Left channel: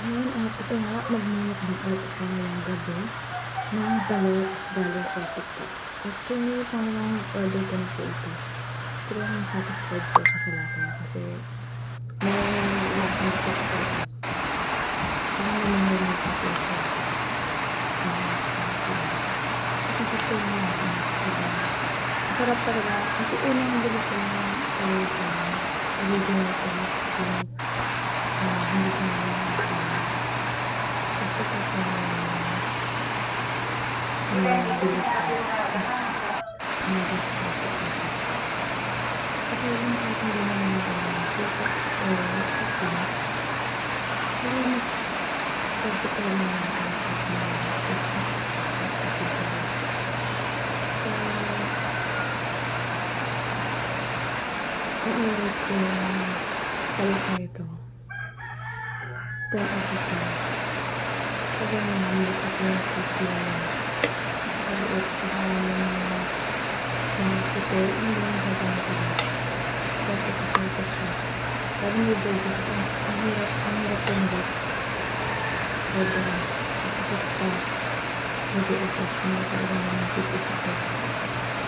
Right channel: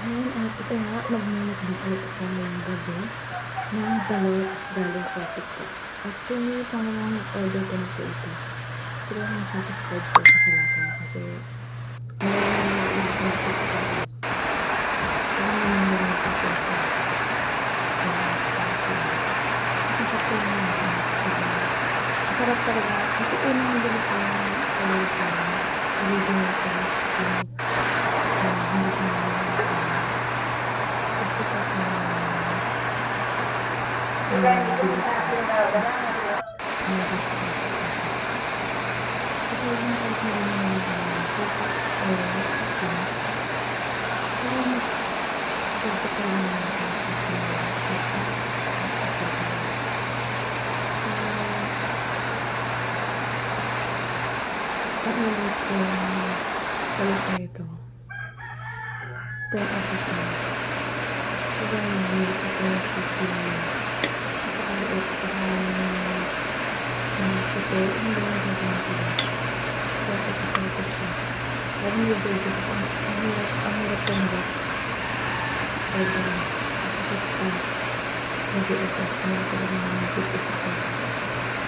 Ayan, at ito nga, magmumukbang ulit ako ngayong gabi ng balot galing sa TikTok. Actually, pangalawang order ko na po ito. Talagang satisfied po ako sa lasa niya kasi may lasa na po siya talaga. Parang namamarin pa po siya. Kaya spicy. Ito sakto yung lasa niya. Masarap talaga. Kasi unang bili ko sa loob ko original cheese. Hindi siya kasi ito po bilog ko. Tapos medyo spicy po siya. Okay lang kahit hindi naman ito suka or asin. Pero mas perfect ko yung suka at asin pa rin. So, kung i-rate ko yung balik na ito, 10 out of 10. Sobrang yummy at yung sisi niya. Napakaliit. Saka yung puti, hindi masyado matigas. Perfect siya. Lalo may braces ako. Ang hirap ko nabat. Pwede lang. Masakit pa. Nag-i-adjust mo. Talagang nagpipis ako.